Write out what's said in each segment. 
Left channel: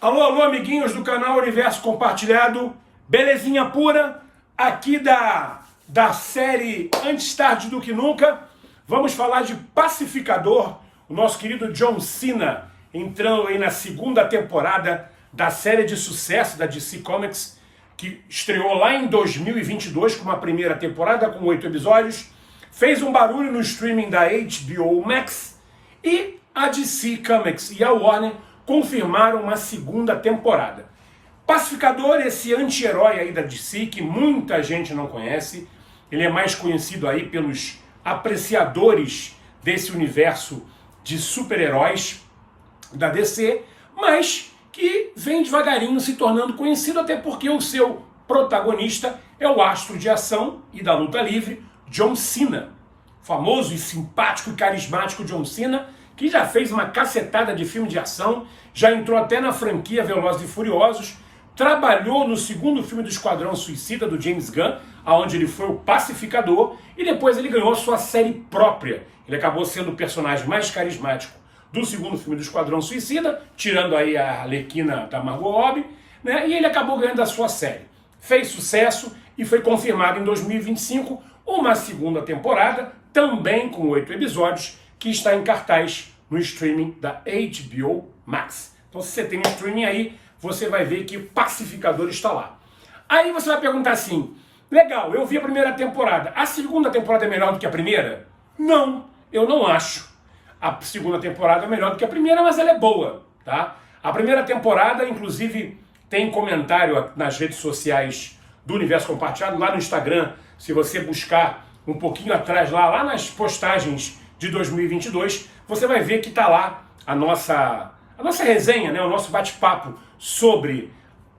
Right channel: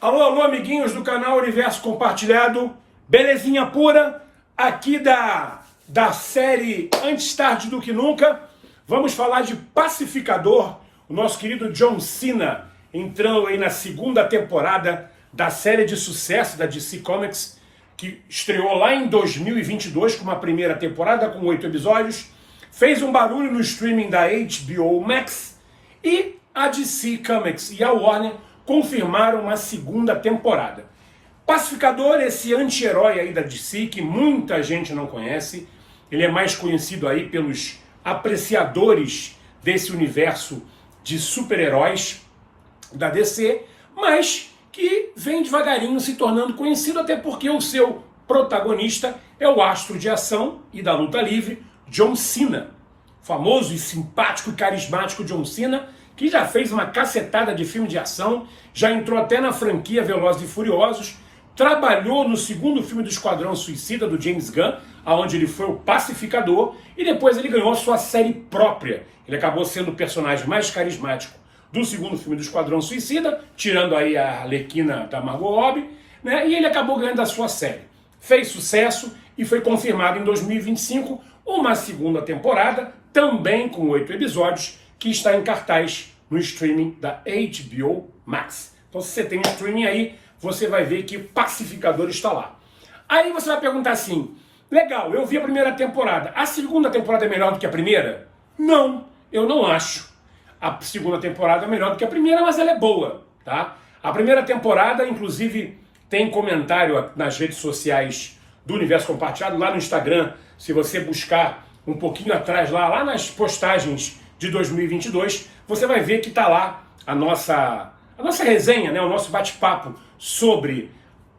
Alô, alô, amiguinhos do canal Universo Compartilhado, belezinha pura, aqui da série Antes Tarde do Que Nunca. Vamos falar de Pacificador, o nosso querido John Cena, entrando aí na segunda temporada da série de sucesso da DC Comics, que estreou lá em 2022 com uma primeira temporada com 8 episódios, fez um barulho no streaming da HBO Max, e a DC Comics e a Warner confirmaram uma segunda temporada. Pacificador, esse anti-herói aí da DC, que muita gente não conhece, ele é mais conhecido aí pelos apreciadores desse universo de super-heróis da DC, mas que vem devagarinho se tornando conhecido, até porque o seu protagonista é o astro de ação e da luta livre, John Cena. Famoso e simpático e carismático John Cena, que já fez uma cacetada de filme de ação, já entrou até na franquia Velozes e Furiosos, trabalhou no segundo filme do Esquadrão Suicida, do James Gunn, onde ele foi o pacificador, e depois ele ganhou a sua série própria. Ele acabou sendo o personagem mais carismático do segundo filme do Esquadrão Suicida, tirando aí a Arlequina da Margot Robbie, né? E ele acabou ganhando a sua série. Fez sucesso e foi confirmado em 2025 uma segunda temporada, também com 8 episódios, que está em cartaz no streaming da HBO Max. Então, se você tem streaming aí, você vai ver que o Pacificador está lá. Aí você vai perguntar assim, legal, eu vi a primeira temporada, a segunda temporada é melhor do que a primeira? Não, eu não acho. A segunda temporada é melhor do que a primeira, mas ela é boa, tá? A primeira temporada, inclusive, tem comentário nas redes sociais do Universo Compartilhado, lá no Instagram, se você buscar um pouquinho atrás, lá nas postagens de 2022, você vai ver que está lá a nossa resenha, né? O nosso bate-papo sobre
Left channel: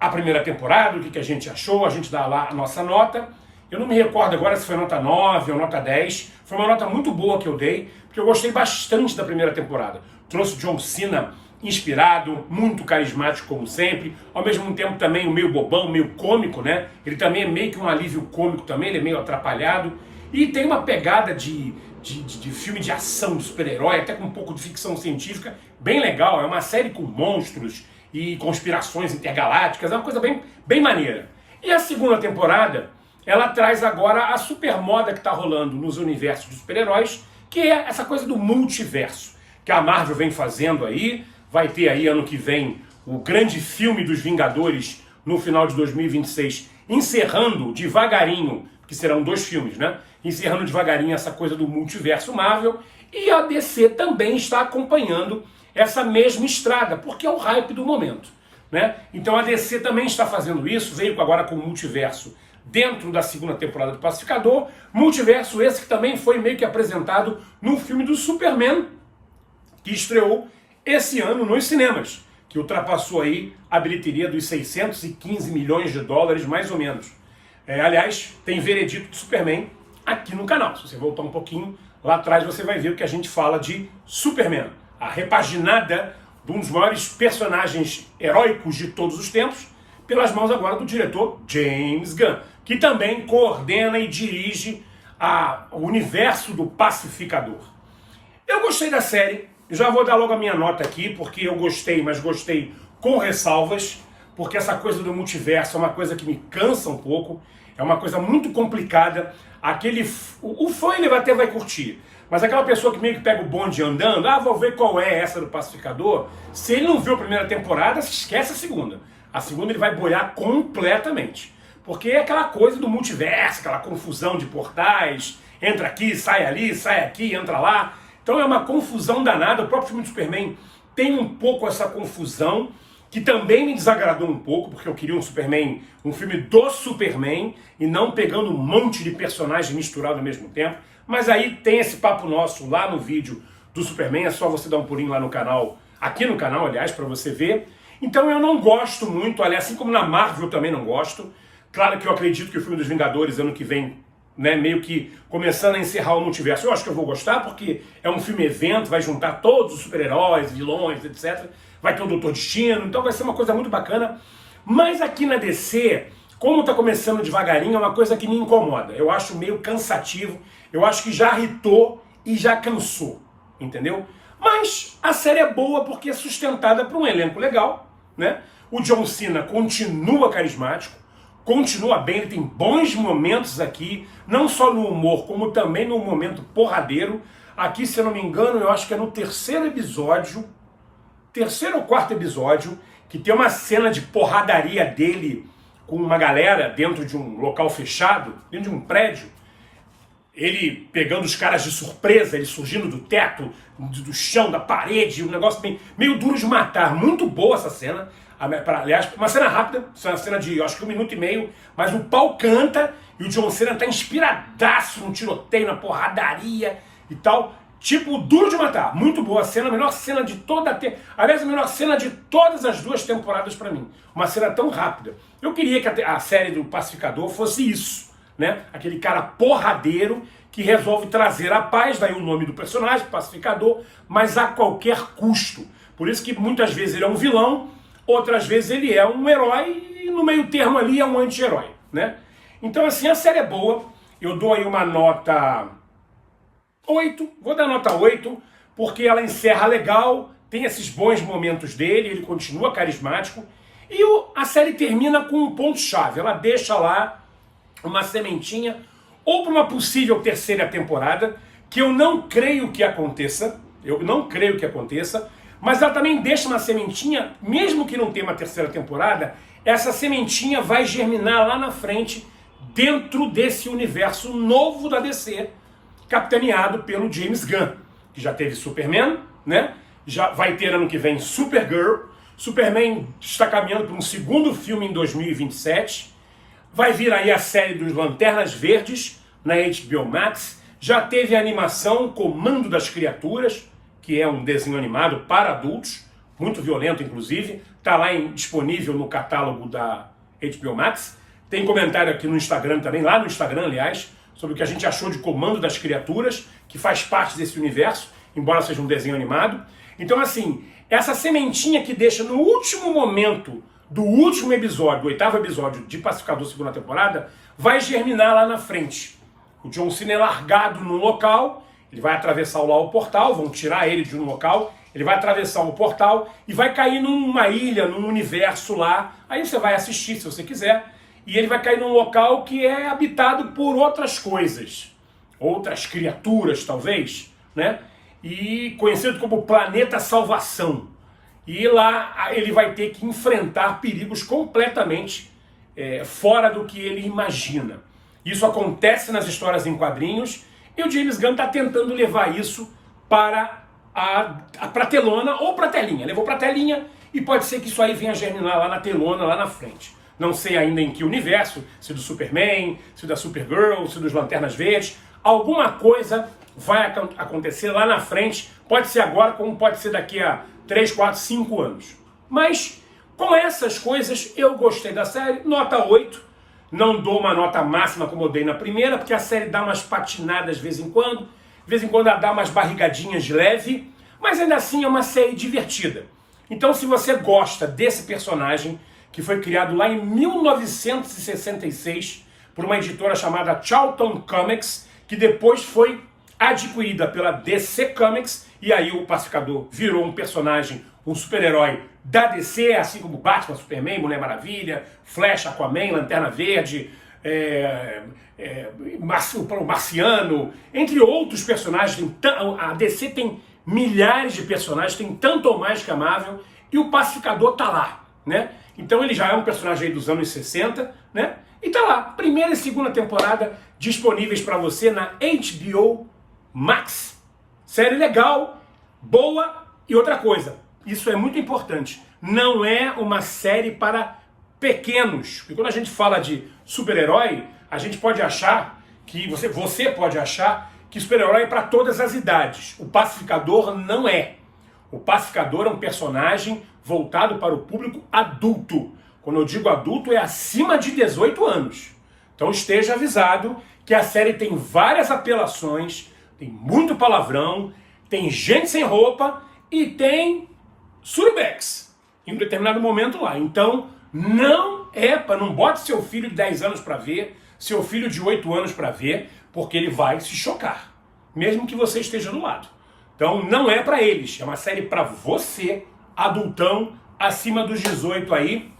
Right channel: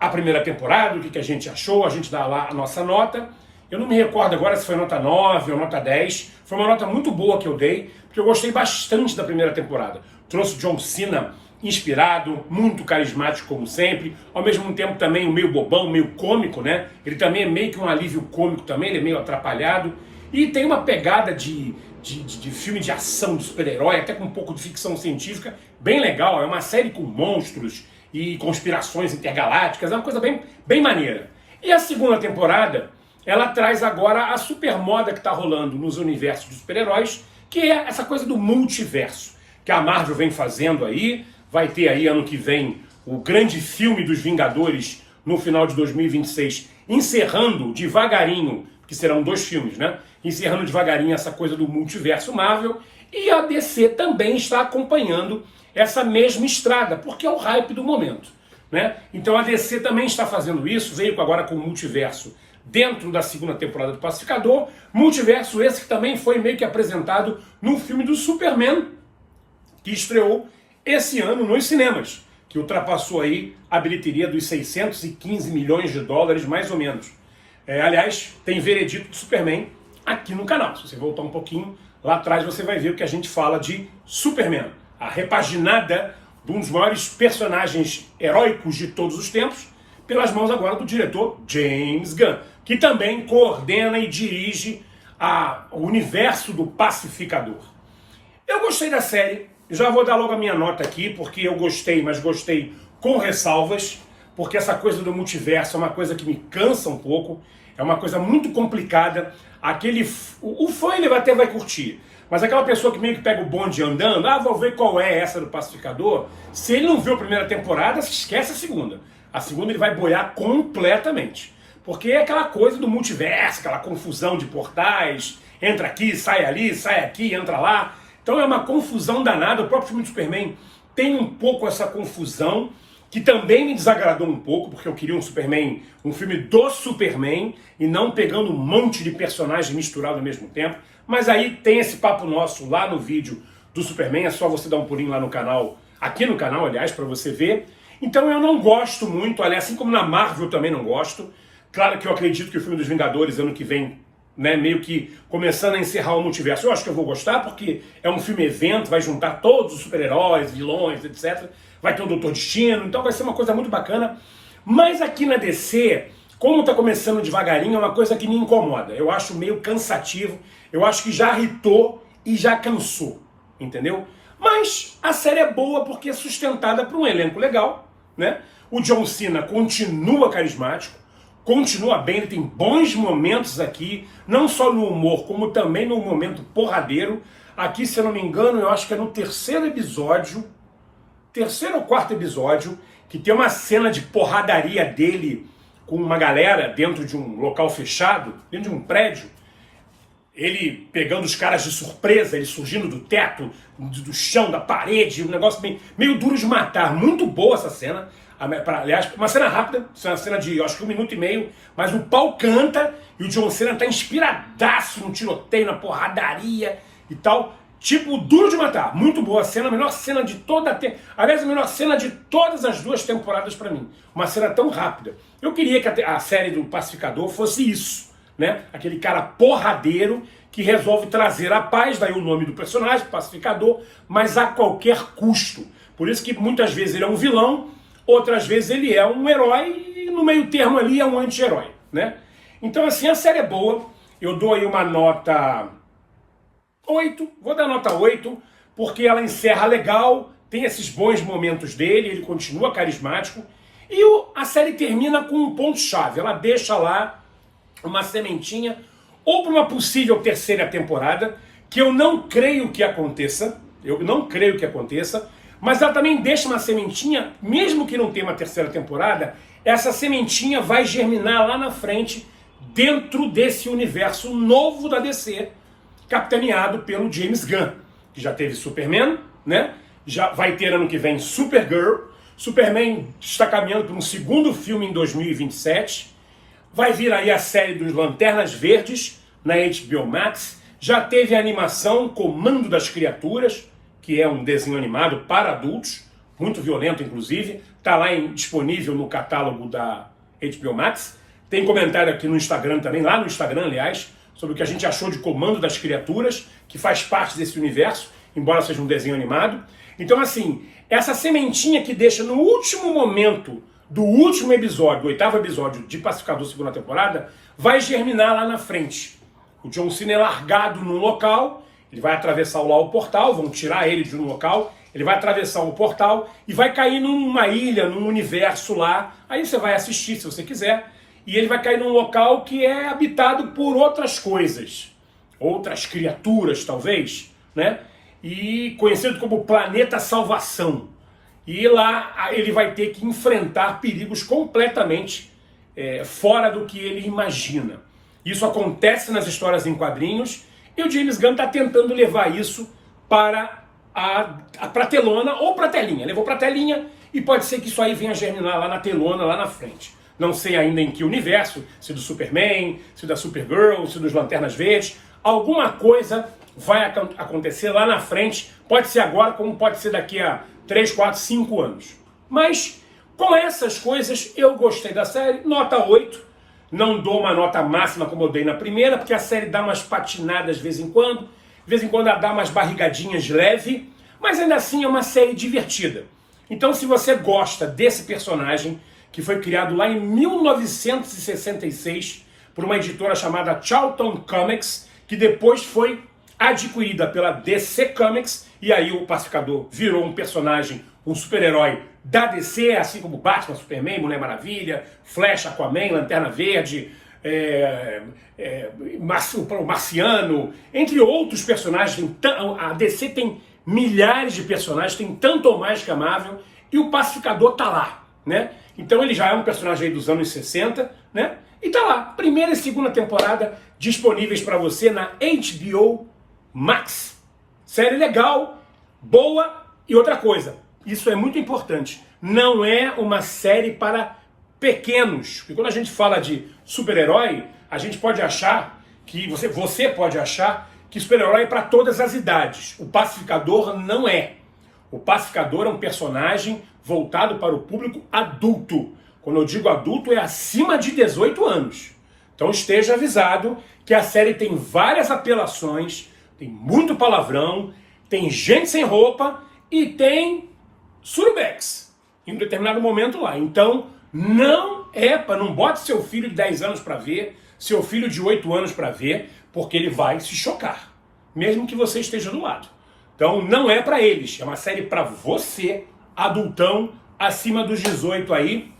a primeira temporada, o que a gente achou, a gente dá lá a nossa nota. Eu não me recordo agora se foi nota 9 ou nota 10, foi uma nota muito boa que eu dei, porque eu gostei bastante da primeira temporada. Trouxe John Cena inspirado, muito carismático como sempre, ao mesmo tempo também meio bobão, meio cômico, né? Ele também é meio que um alívio cômico também, ele é meio atrapalhado, e tem uma pegada de filme de ação, de super-herói, até com um pouco de ficção científica, bem legal. É uma série com monstros e conspirações intergalácticas, é uma coisa bem maneira. E a segunda temporada, ela traz agora a super moda que está rolando nos universos de super-heróis, que é essa coisa do multiverso, que a Marvel vem fazendo aí. Vai ter aí ano que vem o grande filme dos Vingadores no final de 2026, encerrando devagarinho, que serão 2 filmes, né? Encerrando devagarinho essa coisa do multiverso Marvel, e a DC também está acompanhando essa mesma estrada, porque é o hype do momento, né? Então a DC também está fazendo isso, veio agora com o multiverso dentro da segunda temporada do Pacificador, multiverso esse que também foi meio que apresentado no filme do Superman, que estreou esse ano nos cinemas, que ultrapassou aí a bilheteria dos 615 milhões de dólares, mais ou menos. Aliás, tem veredito de Superman aqui no canal. Se você voltar um pouquinho lá atrás, você vai ver o que a gente fala de Superman, a repaginada de um dos maiores personagens heróicos de todos os tempos, pelas mãos agora do diretor James Gunn, que também coordena e dirige o universo do Pacificador. Eu gostei da série, já vou dar logo a minha nota aqui, porque eu gostei, mas gostei com ressalvas, porque essa coisa do multiverso é uma coisa que me cansa um pouco, é uma coisa muito complicada. O fã ele até vai curtir, mas aquela pessoa que meio que pega o bonde andando, vou ver qual é essa do Pacificador, se ele não viu a primeira temporada, esquece a segunda. A segunda ele vai boiar completamente, porque é aquela coisa do multiverso, aquela confusão de portais, entra aqui, sai ali, sai aqui, entra lá. Então é uma confusão danada. O próprio filme do Superman tem um pouco essa confusão, que também me desagradou um pouco, porque eu queria um Superman, um filme do Superman, e não pegando um monte de personagens misturados ao mesmo tempo. Mas aí tem esse papo nosso lá no vídeo do Superman, é só você dar um pulinho lá no canal, aqui no canal, aliás, para você ver. Então eu não gosto muito, aliás, assim como na Marvel também não gosto. Claro que eu acredito que o filme dos Vingadores, ano que vem, né, meio que começando a encerrar o multiverso, eu acho que eu vou gostar, porque é um filme evento, vai juntar todos os super-heróis, vilões, etc. Vai ter o Doutor Destino, então vai ser uma coisa muito bacana. Mas aqui na DC, como está começando devagarinho, é uma coisa que me incomoda. Eu acho meio cansativo, eu acho que já irritou e já cansou, entendeu? Mas a série é boa porque é sustentada por um elenco legal, né? O John Cena continua carismático, continua bem, ele tem bons momentos aqui, não só no humor, como também no momento porradeiro. Aqui, se eu não me engano, eu acho que é no terceiro ou quarto episódio, que tem uma cena de porradaria dele com uma galera dentro de um local fechado, dentro de um prédio, ele pegando os caras de surpresa, ele surgindo do teto, do chão, da parede, um negócio meio duro de matar. Muito boa essa cena. Aliás, uma cena rápida, uma cena de, acho que 1 minuto e meio, mas o pau canta e o John Cena tá inspiradaço no tiroteio, na porradaria e tal. Tipo, duro de matar. Muito boa cena, a melhor cena de toda aliás, a melhor cena de todas as 2 temporadas pra mim. Uma cena tão rápida. Eu queria que a série do Pacificador fosse isso, né? Aquele cara porradeiro que resolve trazer a paz, daí o nome do personagem, Pacificador, mas a qualquer custo. Por isso que muitas vezes ele é um vilão, outras vezes ele é um herói e no meio termo ali é um anti-herói, né? Então assim, a série é boa. Eu dou aí uma nota 8, vou dar nota 8, porque ela encerra legal, tem esses bons momentos dele, ele continua carismático, e a série termina com um ponto-chave, ela deixa lá uma sementinha, ou para uma possível terceira temporada, que eu não creio que aconteça, mas ela também deixa uma sementinha, mesmo que não tenha uma terceira temporada, essa sementinha vai germinar lá na frente, dentro desse universo novo da DC, capitaneado pelo James Gunn, que já teve Superman, né? Já vai ter ano que vem Supergirl. Superman está caminhando para um segundo filme em 2027. Vai vir aí a série dos Lanternas Verdes na HBO Max. Já teve a animação Comando das Criaturas, que é um desenho animado para adultos, muito violento inclusive. Está lá disponível no catálogo da HBO Max. Tem comentário aqui no Instagram também, lá no Instagram, aliás, sobre o que a gente achou de Comando das Criaturas, que faz parte desse universo, embora seja um desenho animado. Então, assim, essa sementinha que deixa no último momento do último episódio, do 8º episódio de Pacificador, segunda temporada, vai germinar lá na frente. O John Cena é largado num local, ele vai atravessar lá o portal, vão tirar ele de um local, ele vai atravessar o portal e vai cair numa ilha, num universo lá. Aí você vai assistir, se você quiser. E ele vai cair num local que é habitado por outras coisas, outras criaturas, talvez, né? E conhecido como Planeta Salvação. E lá ele vai ter que enfrentar perigos completamente fora do que ele imagina. Isso acontece nas histórias em quadrinhos e o James Gunn está tentando levar isso para a telona ou para a telinha. Levou para a telinha e pode ser que isso aí venha germinar lá na telona, lá na frente. Não sei ainda em que universo, se do Superman, se da Supergirl, se dos Lanternas Verdes. Alguma coisa vai acontecer lá na frente. Pode ser agora, como pode ser daqui a 3, 4, 5 anos. Mas, com essas coisas, eu gostei da série. Nota 8. Não dou uma nota máxima como eu dei na primeira, porque a série dá umas patinadas de vez em quando. De vez em quando ela dá umas barrigadinhas de leve. Mas ainda assim é uma série divertida. Então, se você gosta desse personagem, que foi criado lá em 1966 por uma editora chamada Charlton Comics, que depois foi adquirida pela DC Comics, e aí o Pacificador virou um personagem, um super-herói da DC, assim como Batman, Superman, Mulher Maravilha, Flash, Aquaman, Lanterna Verde, o Marciano, entre outros personagens. A DC tem milhares de personagens, tem tanto ou mais que a Marvel, e o Pacificador tá lá, né? Então ele já é um personagem aí dos anos 60, né? E tá lá, primeira e segunda temporada disponíveis para você na HBO Max. Série legal, boa, e outra coisa, isso é muito importante, não é uma série para pequenos. Porque quando a gente fala de super-herói, a gente pode achar que, você pode achar que super-herói é para todas as idades. O Pacificador não é. O Pacificador é um personagem voltado para o público adulto. Quando eu digo adulto, é acima de 18 anos. Então esteja avisado que a série tem várias apelações, tem muito palavrão, tem gente sem roupa e tem surubex em um determinado momento lá. Então não bote seu filho de 10 anos para ver, seu filho de 8 anos para ver, porque ele vai se chocar, mesmo que você esteja do lado. Então não é para eles, é uma série para você, adultão, acima dos 18 aí,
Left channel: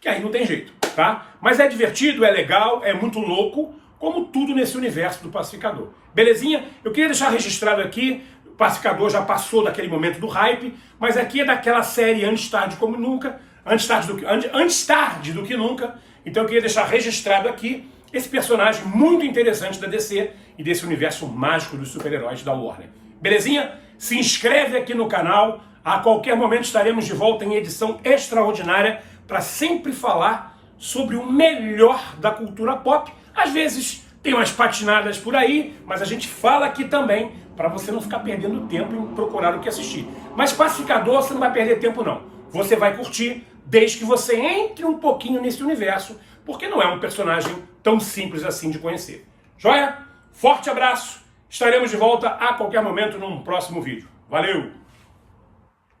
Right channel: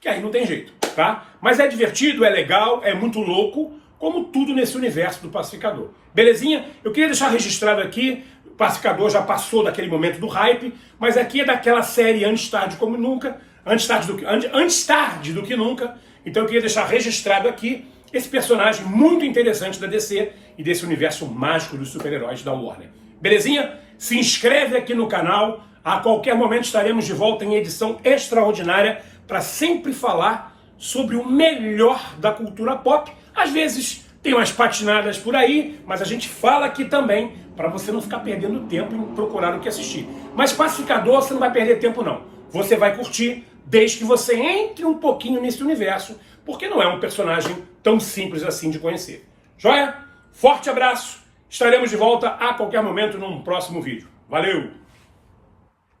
que aí não tem jeito, tá? Mas é divertido, é legal, é muito louco, como tudo nesse universo do Pacificador. Belezinha? Eu queria deixar registrado aqui, o Pacificador já passou daquele momento do hype, mas aqui é daquela série Antes Tarde Como Nunca, Antes Tarde do que Nunca. Então eu queria deixar registrado aqui esse personagem muito interessante da DC e desse universo mágico dos super-heróis da Warner. Belezinha? Se inscreve aqui no canal, a qualquer momento estaremos de volta em edição extraordinária para sempre falar sobre o melhor da cultura pop. Às vezes tem umas patinadas por aí, mas a gente fala aqui também para você não ficar perdendo tempo em procurar o que assistir. Mas Pacificador você não vai perder tempo não. Você vai curtir desde que você entre um pouquinho nesse universo, porque não é um personagem tão simples assim de conhecer. Joia? Forte abraço. Estaremos de volta a qualquer momento num próximo vídeo. Valeu!